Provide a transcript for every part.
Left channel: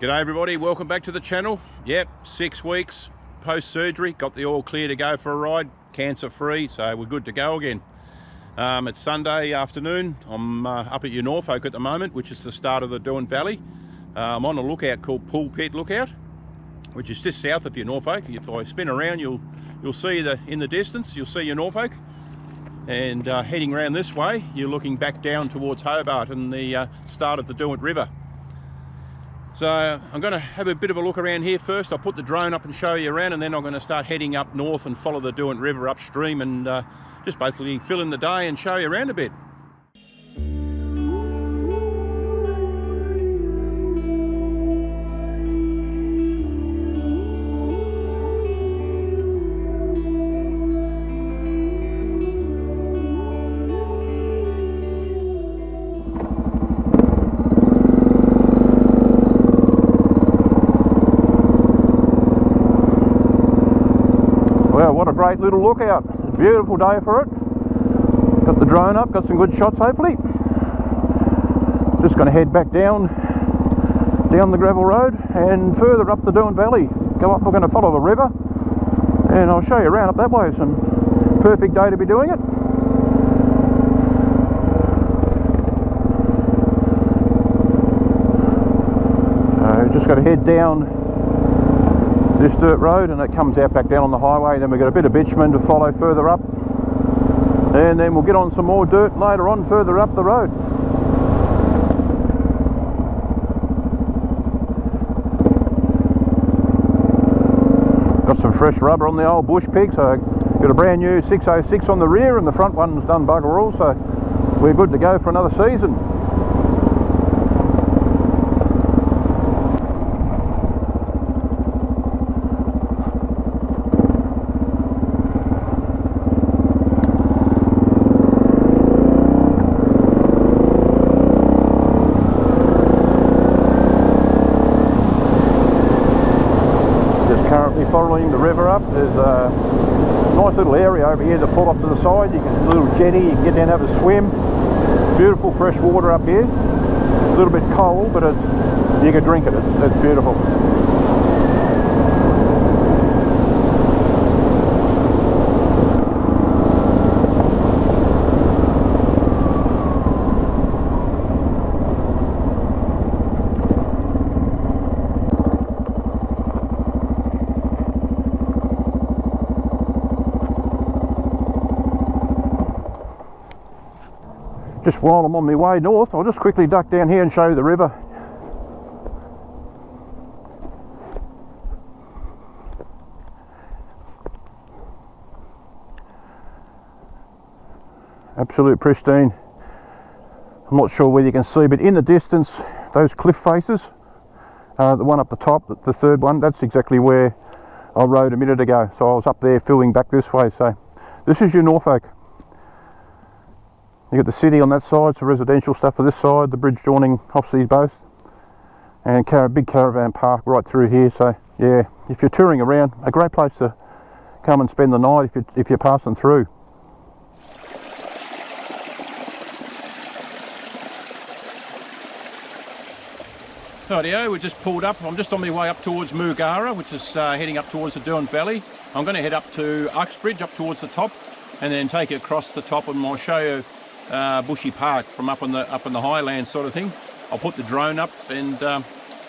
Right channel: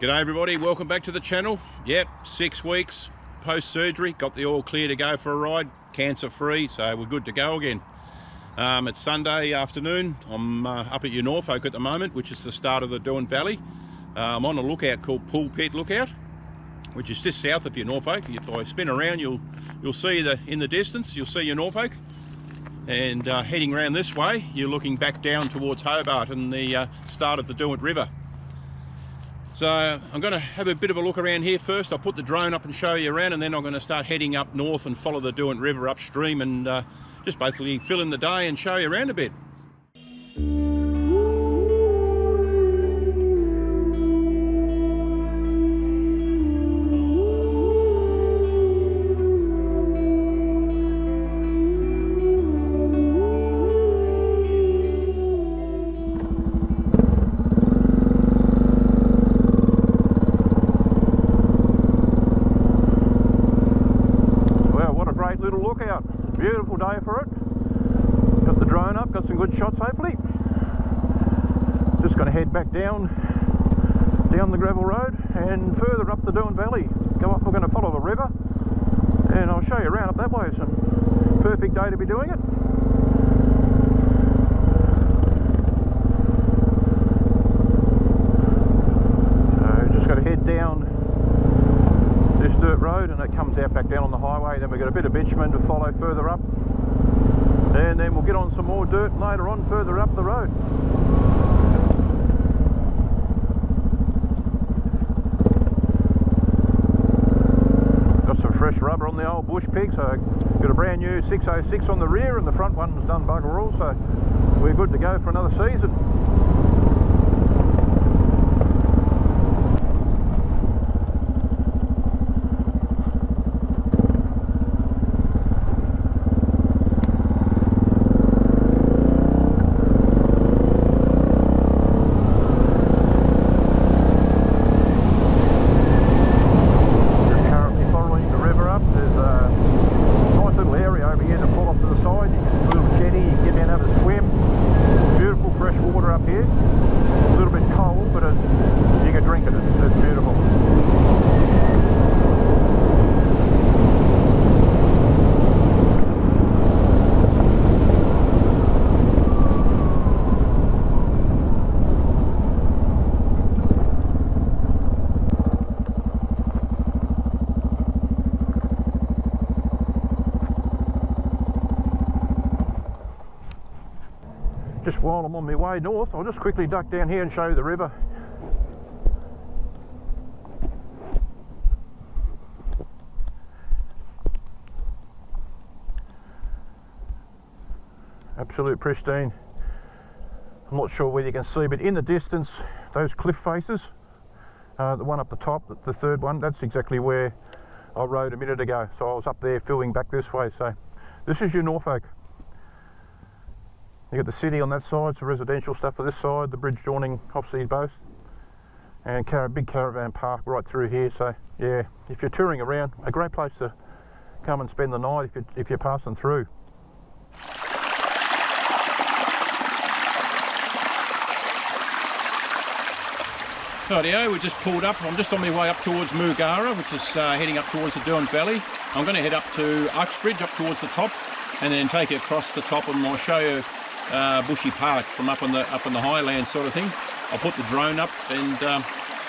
G'day everybody, welcome back to the channel. Yep, 6 weeks post-surgery, got the all clear to go for a ride, cancer-free, so we're good to go again. It's Sunday afternoon. I'm up at Norfolk at the moment, which is the start of the Derwent Valley. I'm on a lookout called Pulpit Lookout, which is just south of Norfolk. If I spin around, you'll see in the distance, you'll see Norfolk. And heading around this way, you're looking back down towards Hobart and the start of the Derwent River. So I'm going to have a bit of a look around here first. I'll put the drone up and show you around, and then I'm going to start heading up north and follow the Derwent River upstream and just basically fill in the day and show you around a bit. Great little lookout. Beautiful day for it. Got the drone up, got some good shots hopefully. Just going to head back down the gravel road and further up the Derwent Valley. Go up, we're going to follow the river and I'll show you around up that way. It's a perfect day to be doing it. So just got to head down this dirt road and it comes out back down on the highway. Then we've got a bit of bitumen to follow further up, and then we'll get on some more dirt later on further up the road. Got some fresh rubber on the old bush pig, so got a brand new 606 on the rear and the front one's done bugger all, so we're good to go for another season. Following the river up, there's a nice little area over here to pull off to the side. You can, a little jetty, you can get down and have a swim. Beautiful fresh water up here. A little bit cold, but you can drink it. It's beautiful. Just while I'm on my way north, I'll just quickly duck down here and show you the river. Absolute pristine. I'm not sure whether you can see, but in the distance, those cliff faces, the one up the top, the third one, that's exactly where I rode a minute ago. So I was up there filming back this way. So this is Norfolk. You got the city on that side, some residential stuff for this side, the bridge joining off these both, and a big caravan park right through here. So yeah, if you're touring around, a great place to come and spend the night if you're passing through. Rightio, we just pulled up. I'm just on my way up towards Mugara, which is heading up towards the Derwent Valley. I'm going to head up to Uxbridge, up towards the top, and then take it across the top, and I'll show you Bushy Park from up on the highland sort of thing. I'll put the drone up and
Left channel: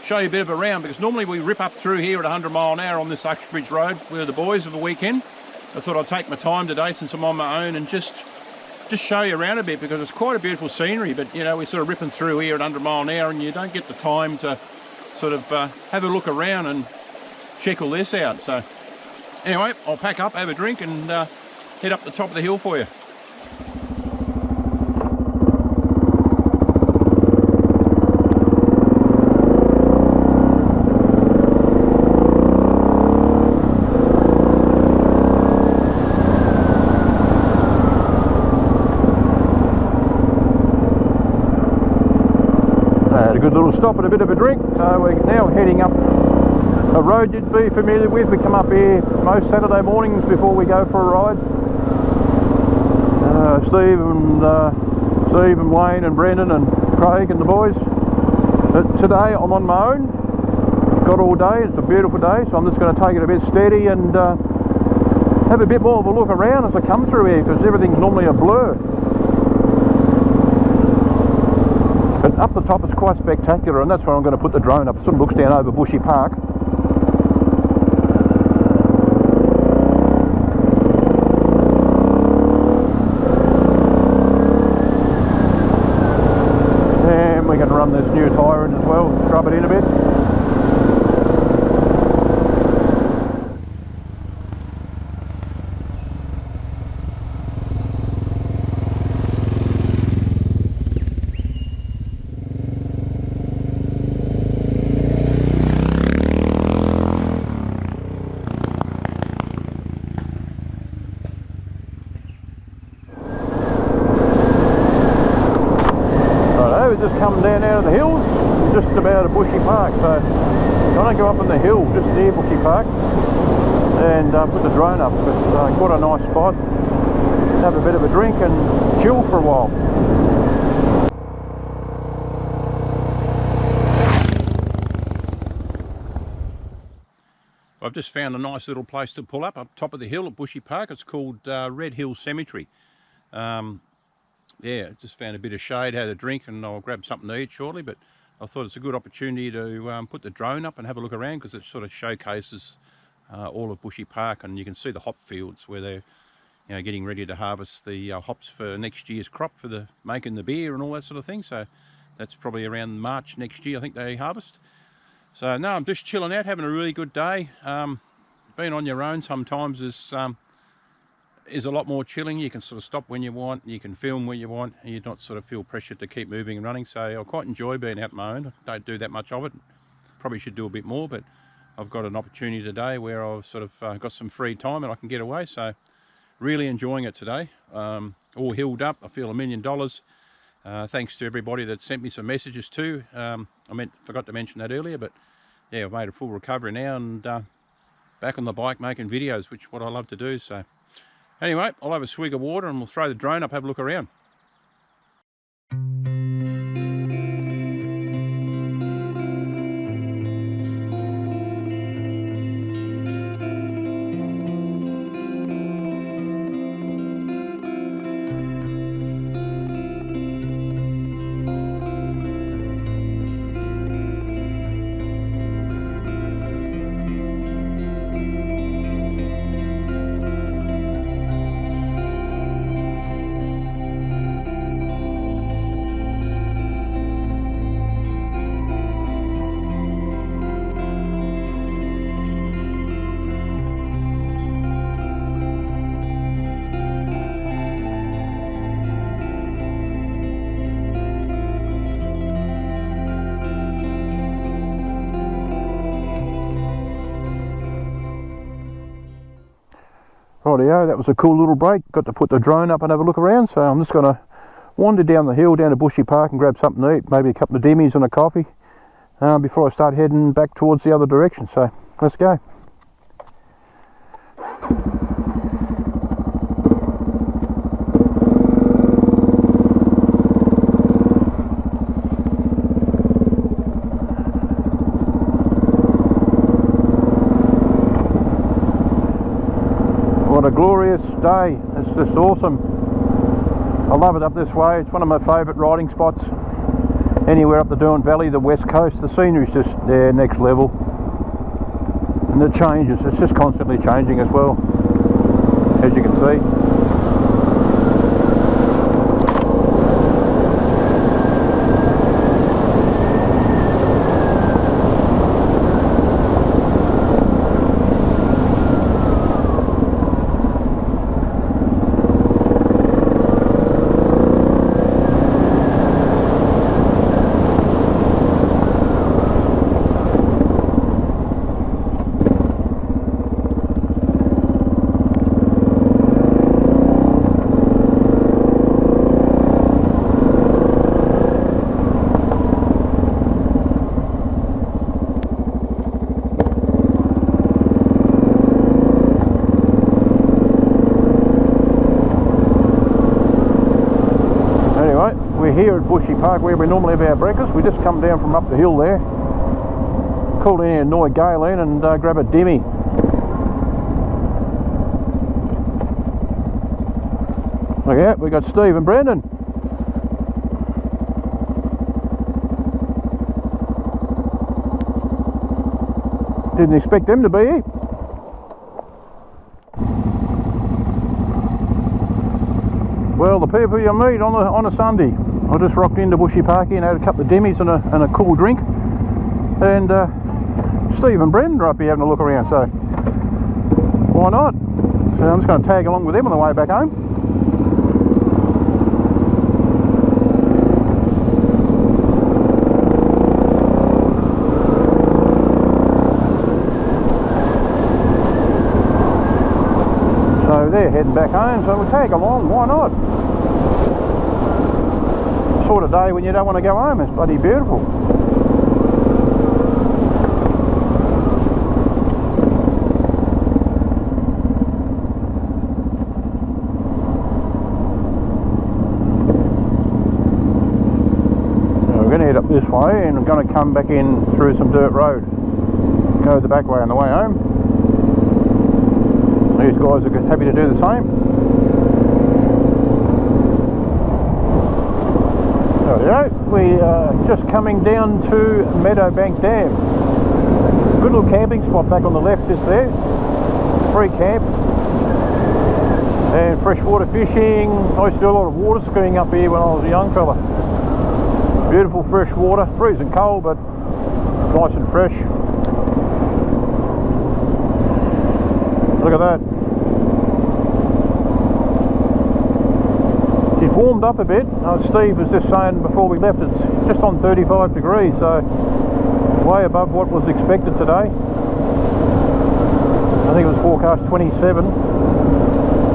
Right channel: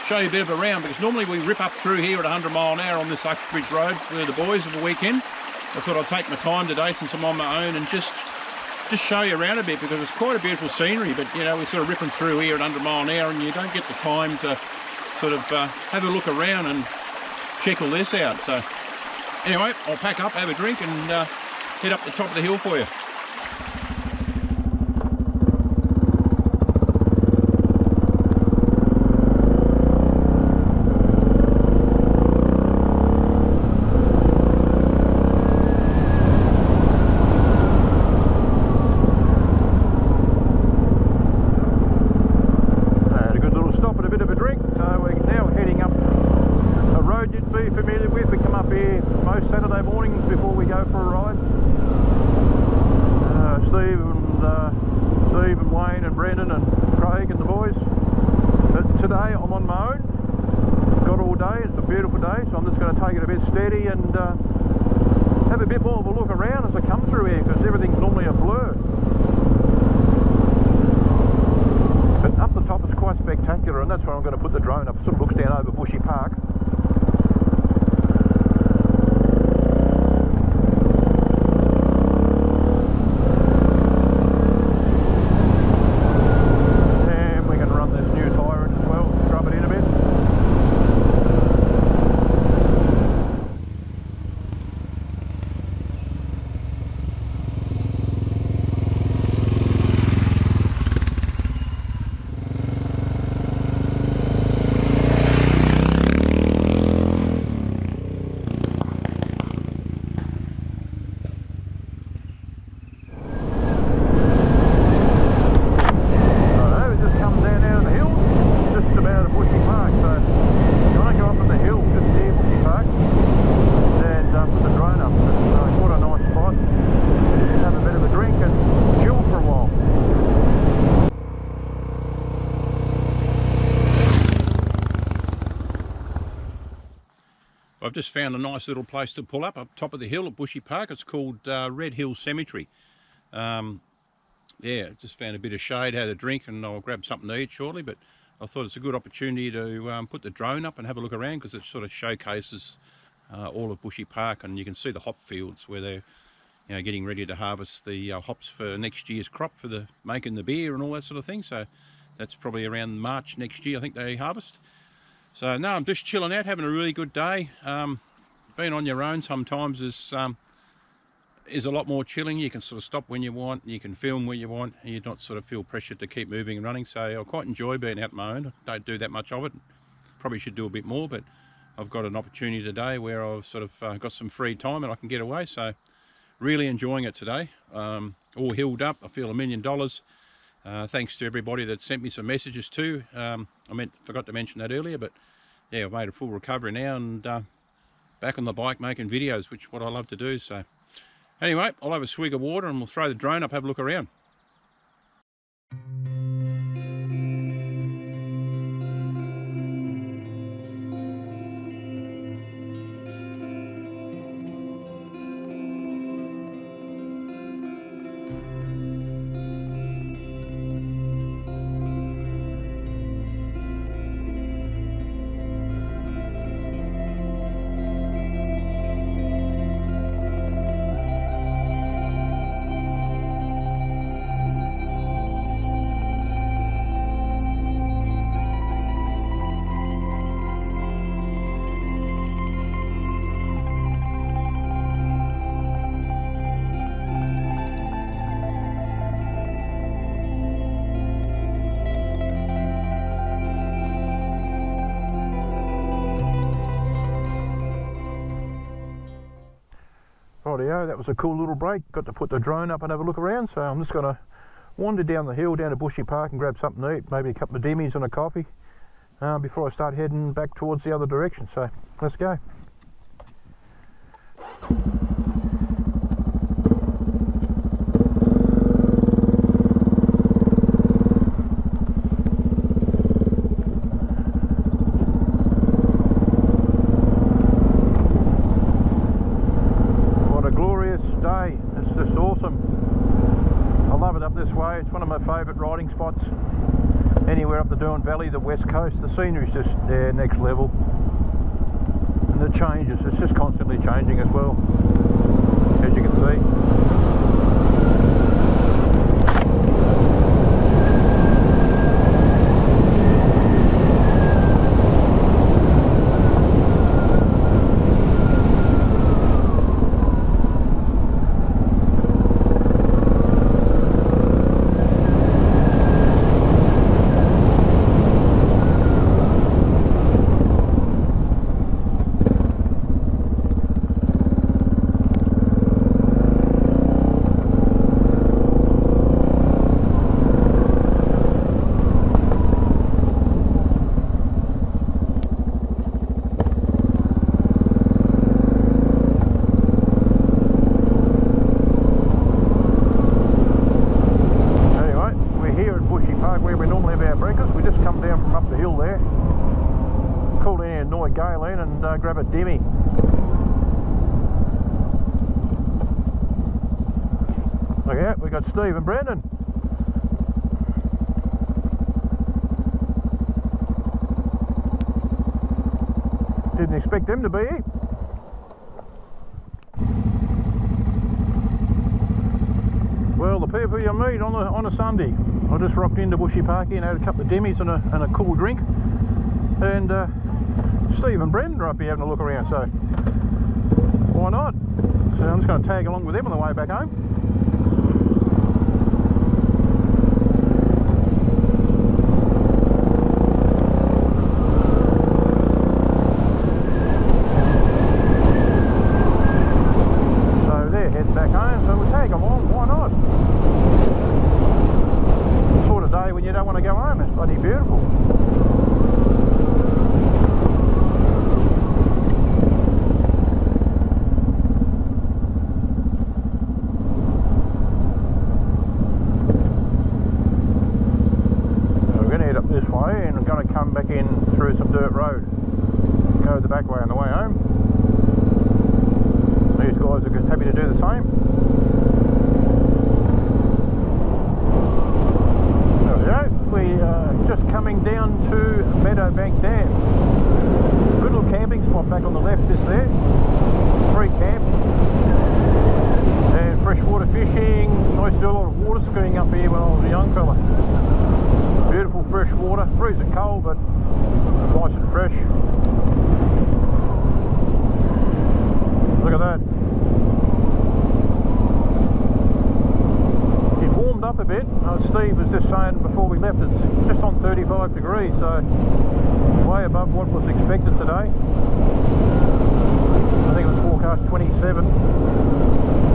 show you a bit of a round, because normally we rip up through here at 100 mile an hour on this Uxbridge road with the boys of the weekend. I thought I'd take my time today since I'm on my own and just show you around a bit, because it's quite a beautiful scenery, but you know, we're sort of ripping through here at 100 mile an hour and you don't get the time to sort of have a look around and check all this out. So anyway, I'll pack up, have a drink and head up the top of the hill for you. Stop and a bit of a drink. So we're now heading up a road you'd be familiar with. We come up here most Saturday mornings before we go for a ride. Steve and Wayne and Brendan and Craig and the boys. But today I'm on my own. got all day. It's a beautiful day, so I'm just going to take it a bit steady and have a bit more of a look around as I come through here, because everything's normally a blur. But up the top it's quite spectacular, and that's where I'm going to put the drone up. It sort of looks down over Bushy Park. And we're going to run this new tyre in as well, scrub it in a bit. Come down out of the hills, just about a Bushy Park. So I'm going to go up on the hill just near Bushy Park and put the drone up. It's quite a nice spot. Have a bit of a drink and chill for a while. I've just found a nice little place to pull up top of the hill at Bushy Park. It's called Red Hill Cemetery. Yeah, just found a bit of shade, had a drink, and I'll grab something to eat shortly. But I thought it's a good opportunity to put the drone up and have a look around, because it sort of showcases all of Bushy Park, and you can see the hop fields where they're getting ready to harvest the hops for next year's crop for making the beer and all that sort of thing. So that's probably around March next year, I think they harvest. So no, I'm just chilling out, having a really good day. Being on your own sometimes is a lot more chilling. You can sort of stop when you want, you can film where you want, and you not sort of feel pressured to keep moving and running. So I quite enjoy being out on my own. I don't do that much of it. Probably should do a bit more, but I've got an opportunity today where I've sort of got some free time and I can get away. So really enjoying it today. All healed up. I feel $1 million. Thanks to everybody that sent me some messages too. Forgot to mention that earlier, but yeah, I've made a full recovery now and back on the bike making videos, which is what I love to do. So anyway, I'll have a swig of water and we'll throw the drone up, have a look around. Rightio, that was a cool little break. Got to put the drone up and have a look around, so I'm just going to wander down the hill down to Bushy Park and grab something to eat, maybe a couple of dimmies and a coffee before I start heading back towards the other direction. So let's go. What a glorious day. It's just awesome. I love it up this way. It's one of my favourite riding spots. Anywhere up the Derwent Valley, the west coast, the scenery's just there, next level. And it changes. It's just constantly changing as well, as you can see. Here at Bushy Park, where we normally have our breakfast, we just come down from up the hill there, Called in here, annoy Galen, and grab a dimmy. Look out, we got Steve and Brendan. Didn't expect them to be here. Well, the people you meet on a Sunday. I just rocked into Bushy Park and had a couple of dimmies and a cool drink. And Steve and Brendan are up here having a look around, so why not? So I'm just going to tag along with them on the way back home. So they're heading back home, so we'll tag along, why not? Sort of day when you don't want to go home, it's bloody beautiful. This way, and I'm going to come back in through some dirt road, go the back way on the way home. These guys are happy to do the same. There we go. We are just coming down to Meadowbank Dam. Good little camping spot back on the left is there. Free camp and freshwater fishing. I used to do a lot of water skiing up here when I was a young fella. Beautiful fresh water, freezing cold but nice and fresh. Look at that. It's warmed up a bit. Steve was just saying before we left it's just on 35 degrees, so way above what was expected today. I think it was forecast 27.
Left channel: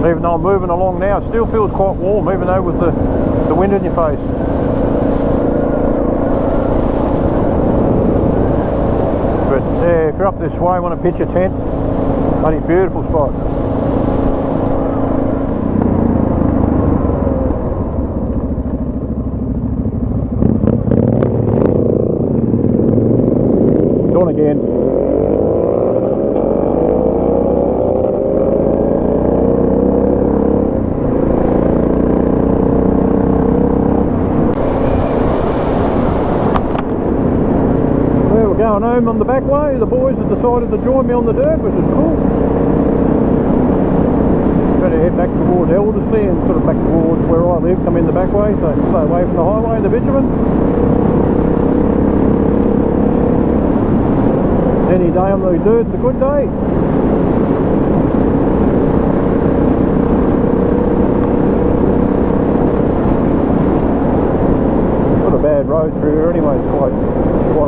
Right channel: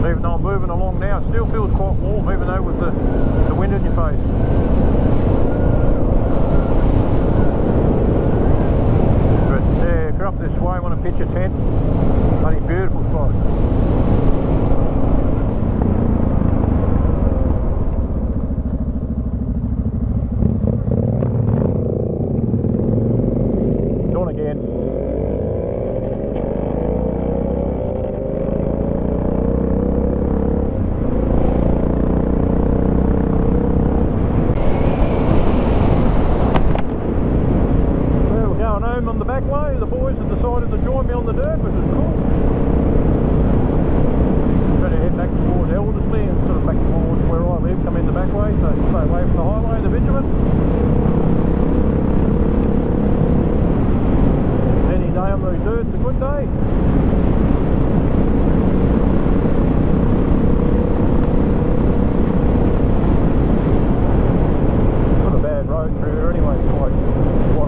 Even though I'm moving along now, it still feels quite warm even though with the wind in your face. If you're up this way, want to pitch a tent, bloody beautiful spot. Gone again. Home on the back way. The boys have decided to join me on the dirt, which is cool. I'm going to head back towards Elderslie and sort of back towards where I live, come in the back way, so stay away from the highway, the bitumen. Any day on those dirt's a good day. Not a bad road through here anyway, it's quite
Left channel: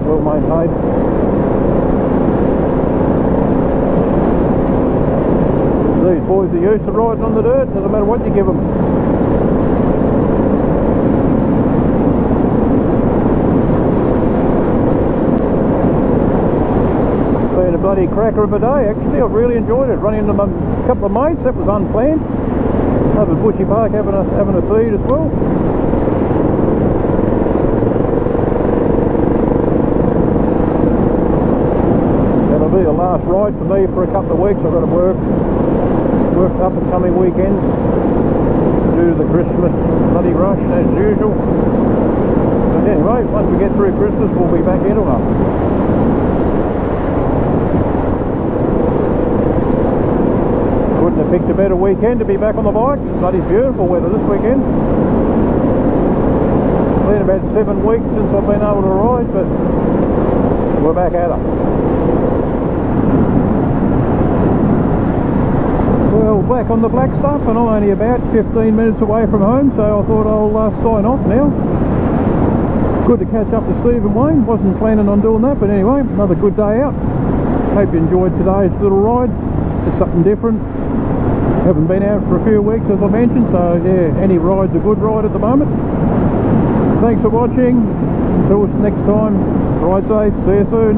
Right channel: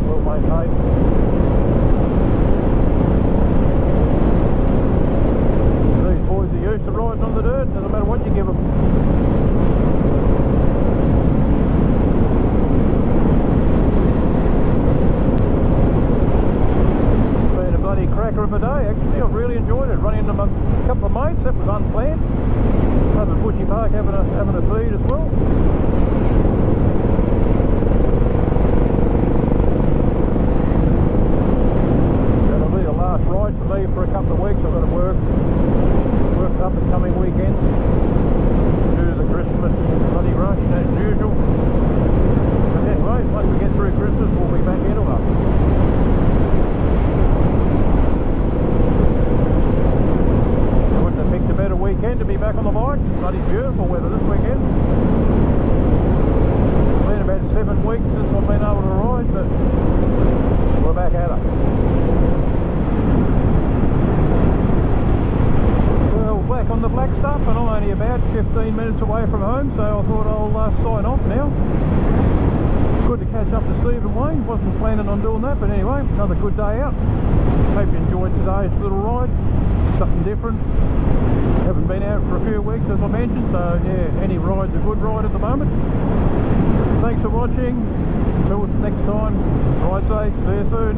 well maintained. These boys are used to riding on the dirt, doesn't matter what you give them. It's been a bloody cracker of a day actually. I've really enjoyed it. Running into a couple of mates, that was unplanned. Over at Bushy Park having a feed as well. The last ride for me for a couple of weeks. I've got to work up the coming weekends, do the Christmas bloody rush as usual. But anyway, once we get through Christmas we'll be back into it. Couldn't have picked a better weekend to be back on the bike. Bloody beautiful weather this weekend. It's been about 7 weeks since I've been able to ride, but we're back at it. Well, back on the black stuff, and I'm only about 15 minutes away from home, so I thought I'll sign off now. Good to catch up to Steve and Wayne. Wasn't planning on doing that, but anyway, another good day out. Hope you enjoyed today's little ride. It's something different. Haven't been out for a few weeks, as I mentioned, so yeah, any ride's a good ride at the moment. Thanks for watching. Until next time, ride safe. See you soon.